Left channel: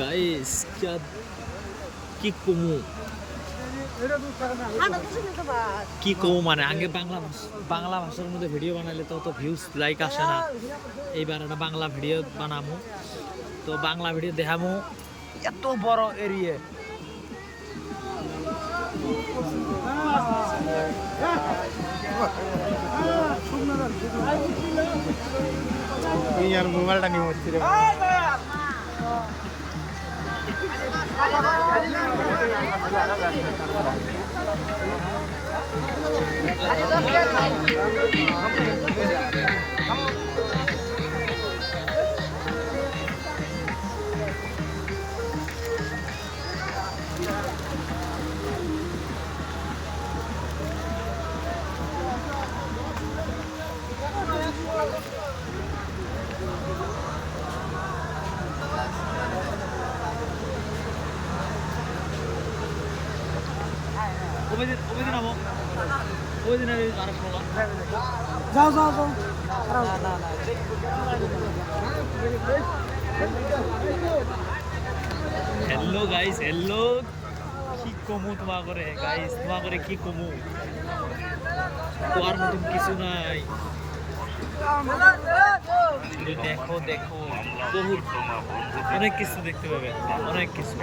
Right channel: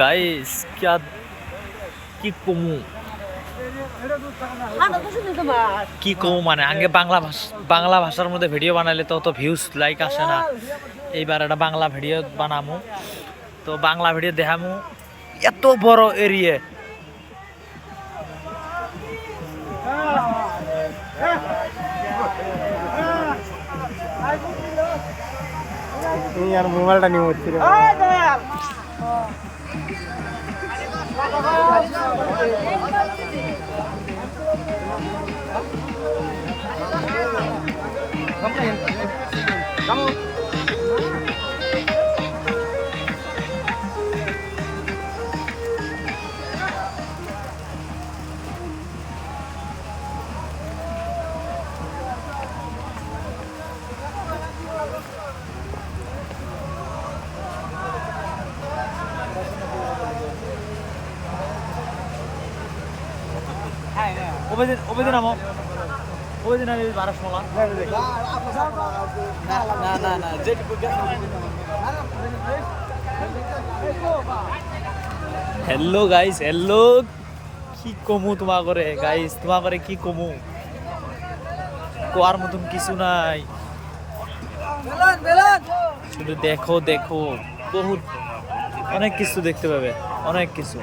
Guys क्या কি কমু কি কমু মানে আগে বাংলা ভাষার মধ্যে ভিডিও বানাইলে তো অত ভিউজ লাইক আসে না। এইবার একটা বাংলা ভিডিও বানামু, তো বাংলা ভিডিও দেখামু এত বড় এরিয়া। यार मोबाइलটা নিয়ে উঠছিল। ওবেদিন আমো ওবেদিন আমি 12:16 যাও যাও যাও না না না हेलो गाइस हेलो কি কমু তোমা করে গাইস, তোমা করে কি কমু, কোয়ার মতন কিছু নাই। শুধু দেখো দেখো, বহুত অনেক কিছু দেখতে পাবে, অনেক কিছু।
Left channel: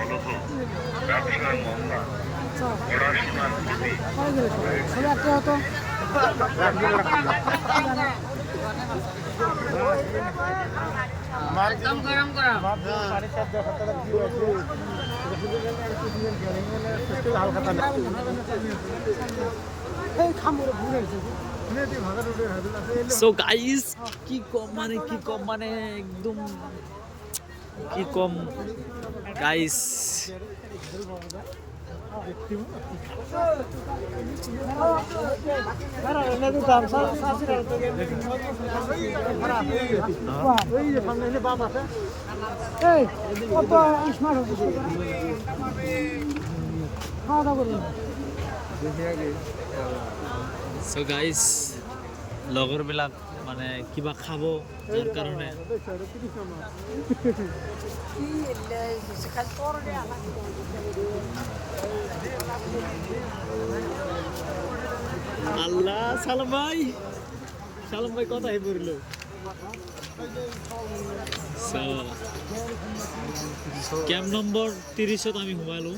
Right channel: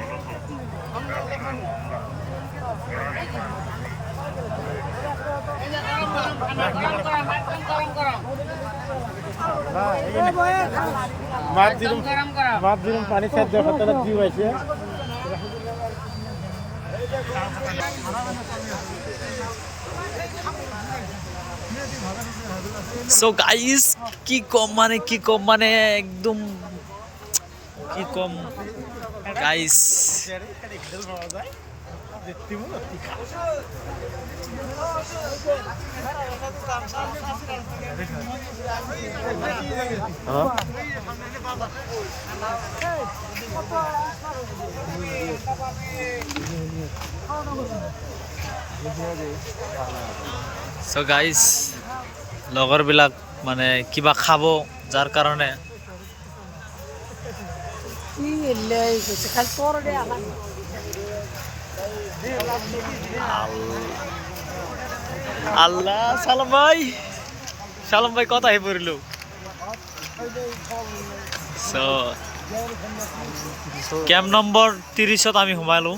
একদম গরম করা মাপ দিন পানি সেদ্ধ করতে দি হইছে। সো গাইস কি কম মানে একদম কি কম গাইস। সো গাইস লগৰবিলাক মানে কিবা খাব, যাৰ কাৰণে আল্লাহ সালাম ভাই কথা হে পড়ল। সো ক্যাম্প নম্বর 30 আমি ঘুমালো।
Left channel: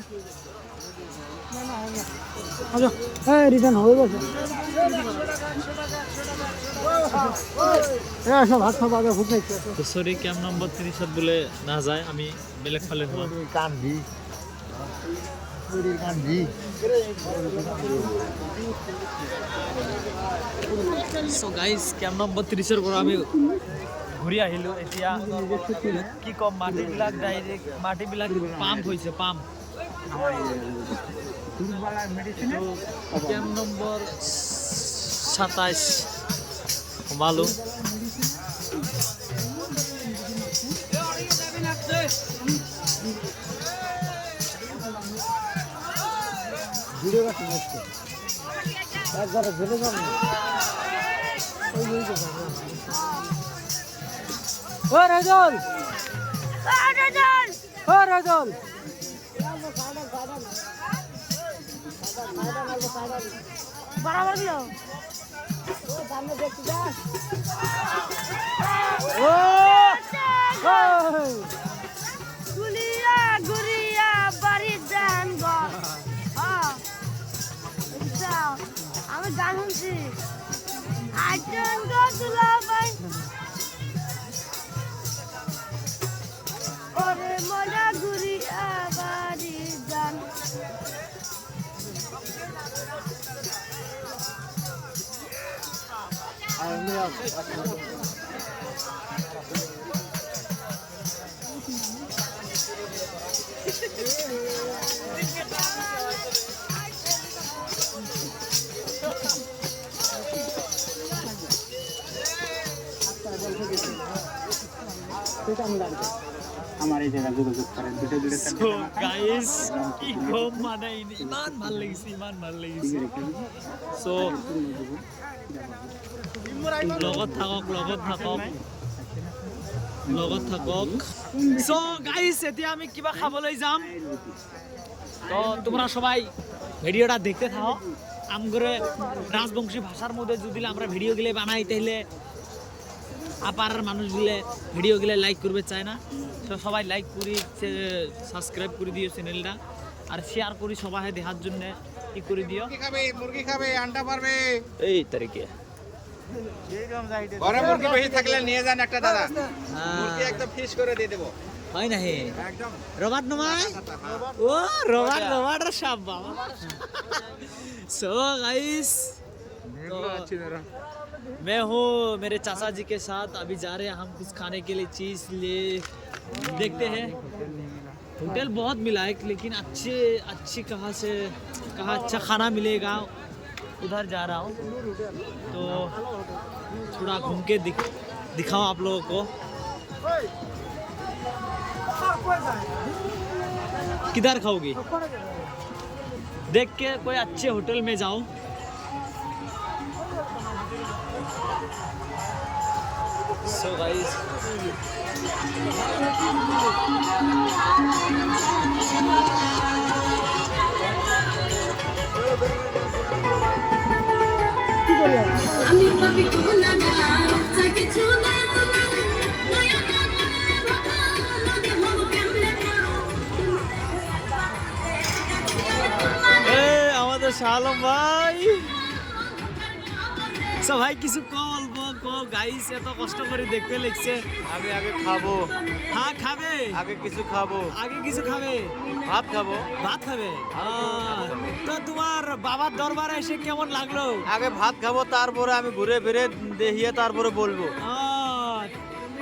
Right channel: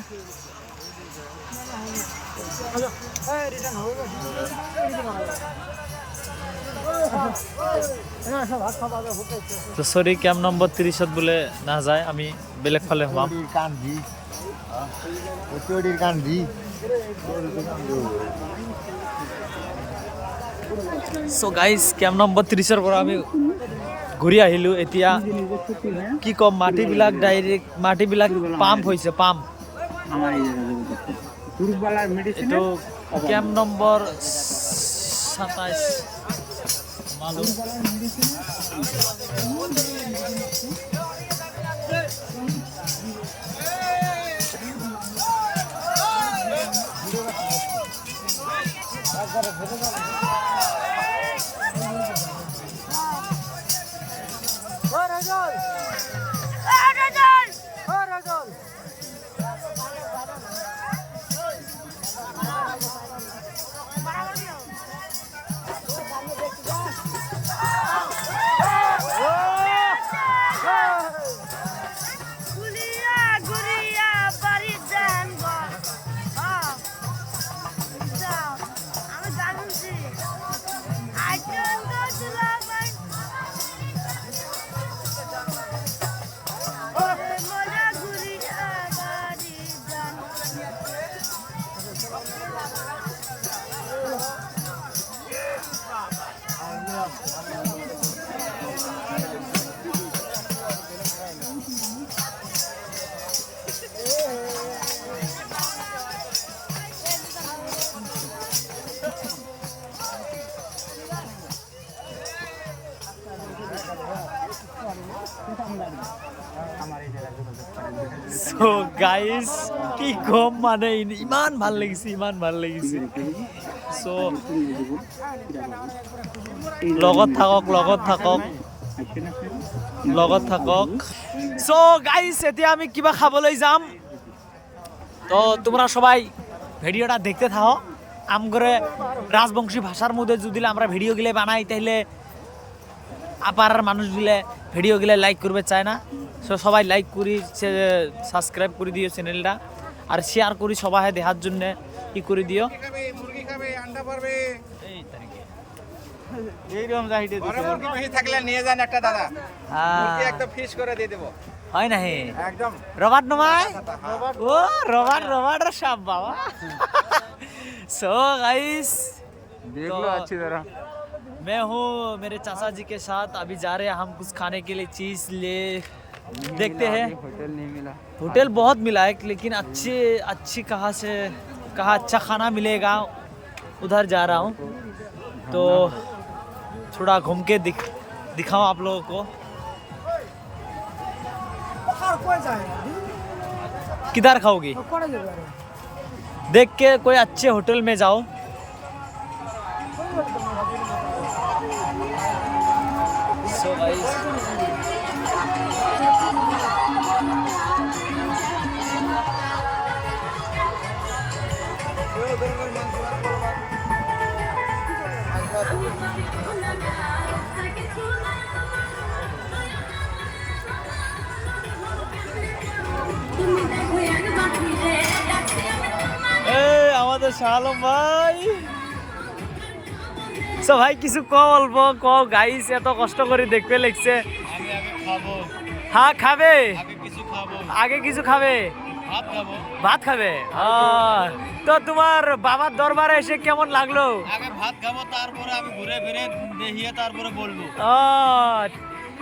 তো সরি ক্যাম্প নম্বর 30 বলে না যায়, আমি বেলেগ ফালে হলাম। সো গাইস ক্যাম্প নম্বৰ 30 পৰা আমি ঘূৰি আহিলো। এতিয়া কি কম, মাটিবিলাক ডাইৰেক্ট মাটিবিলাক পাম্প হৈছে, পাম্প। এইটো ক্যাম্প নম্বৰ 27 সোমালো। সো গাইস কি কম মানে ইমান ভাল লাগিছে, ইমান ভাল লাগিছে। সো লগত থাকক লগত থাকক সো গাইস এতিয়া আমি কিবা খাবলৈ যাম তো তোমরা সবাই ভিডিওটা দেখতে থাকো আমগরে রাজবংশী ভাষার মধ্যে যদি আমরা ভিডিও গুলো বানাই তাহলে আপার মানুষগুলো ভিডিও গুলো লাইক করবে চায় না সো সবাই লাইক করি সাবস্ক্রাইব করে দিও চ্যানেলটা আর শেয়ার করি সবাই দেখার জন্য কি করে দিও মুরগি খাবে আন্ডা পারবে এই তারিখে ঘরে মুরগি বেশি থাকলে নিয়ে যান একটা দাদা মুরগি হ্যাঁ একদম ফিশ করে দিয়ে দেবো হয় না হে একদম রবার্ট নমায় ओ रॉबर्ट साहब बाबा सो गाइस देखो अच्छी तरह मैं हूँ मेरे चाचा जी के साथ अभी जा रहे हैं हम कुछ खाने के लिए चीज ले देखते हैं होटल नहीं मिला होटल बहुत मिला है लेकिन अच्छी कहाँ अच्छा खाना मिलेगा उधर जा रहा हूँ तो थोड़ा घूम के दिखाओ आप लोगों को किधर खाओगी देख के कोई अच्छे होटल में जाओ सो गाइस আমাদের শালম ভাই সো ভাই কিছু অল্প গাইস এত কষ্ট করে দেখতে লাগছে আমি আগে খাবো হ্যাঁ খাবে আগে কিছু খাবো আগে কিছু খাবে ভাত খাবো ভাত খাবে তো তোমার বাবার দরবারে এসে কেমন লাগলো আগে ভাত খাবো তারপরে আমি ঘুরে ফিরে দেখিয়ে তারপরে বলবো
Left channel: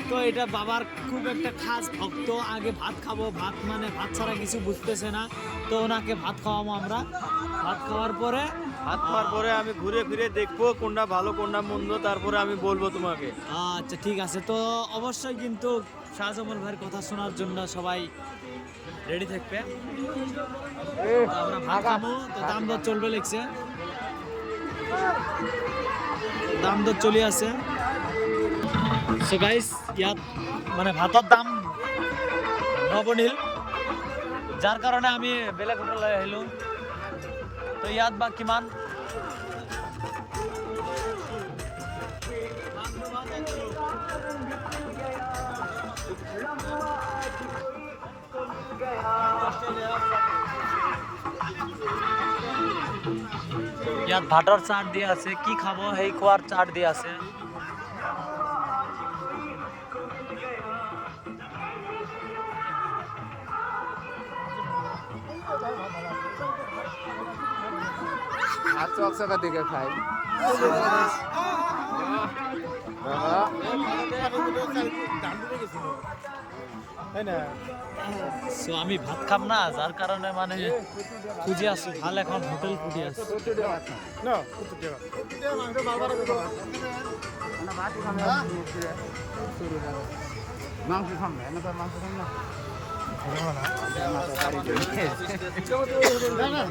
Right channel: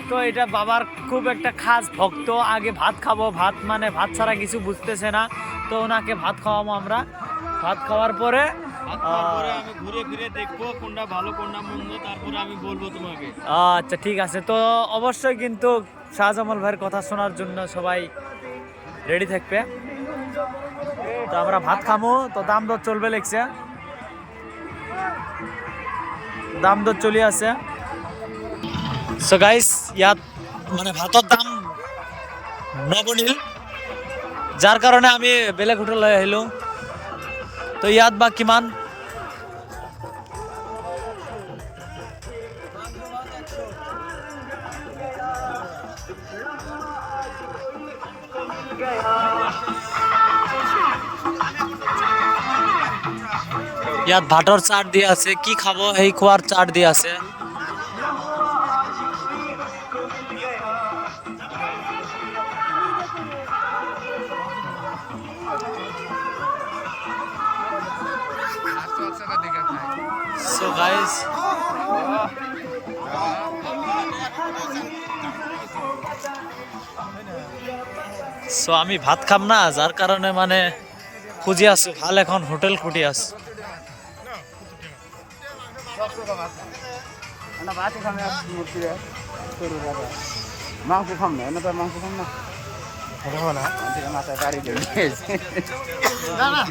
তো এটা বাবার খুব একটা খাস ভক্ত আগে ভাত খাবো ভাত মানে ভাত ছাড়া কিছু বুঝতেছে না তো ওনাকে ভাত খাওয়াবো আমরা ভাত খাওয়ার পরে ভাত খাওয়ার পরে আমি ঘুরে ফিরে দেখবো কোনটা ভালো কোনটা মন্দ তারপরে আমি বলবো তোমাকে আচ্ছা ঠিক আছে তো অবশ্যই কিন্তু শাহজামাল ভাইয়ের কথা শোনার জন্য সবাই রেডি থাকবে তো আমরা ভাত খাবো তো দাম দর চলবে লেগছে দাম দর চলে আছে সো গাইস ইয়াত মানে ভাতৰ দাম নবনিল যাৰ কাৰণে আমি বেলেগ হোটেললৈ আহিলোঁ তো ইয়াত বা কিমান ইয়াত ভাতৰ চাট দিয়া আছে কি খাব সেই খোৱাৰ চাট দিয়া আছে So guys, so আমি ভাত খাম না যার কারণে মানে খুঁজে আছো ভাল এখন হোটেল খুঁটি আছো মাংস খাম না এনে মাংস খাম না না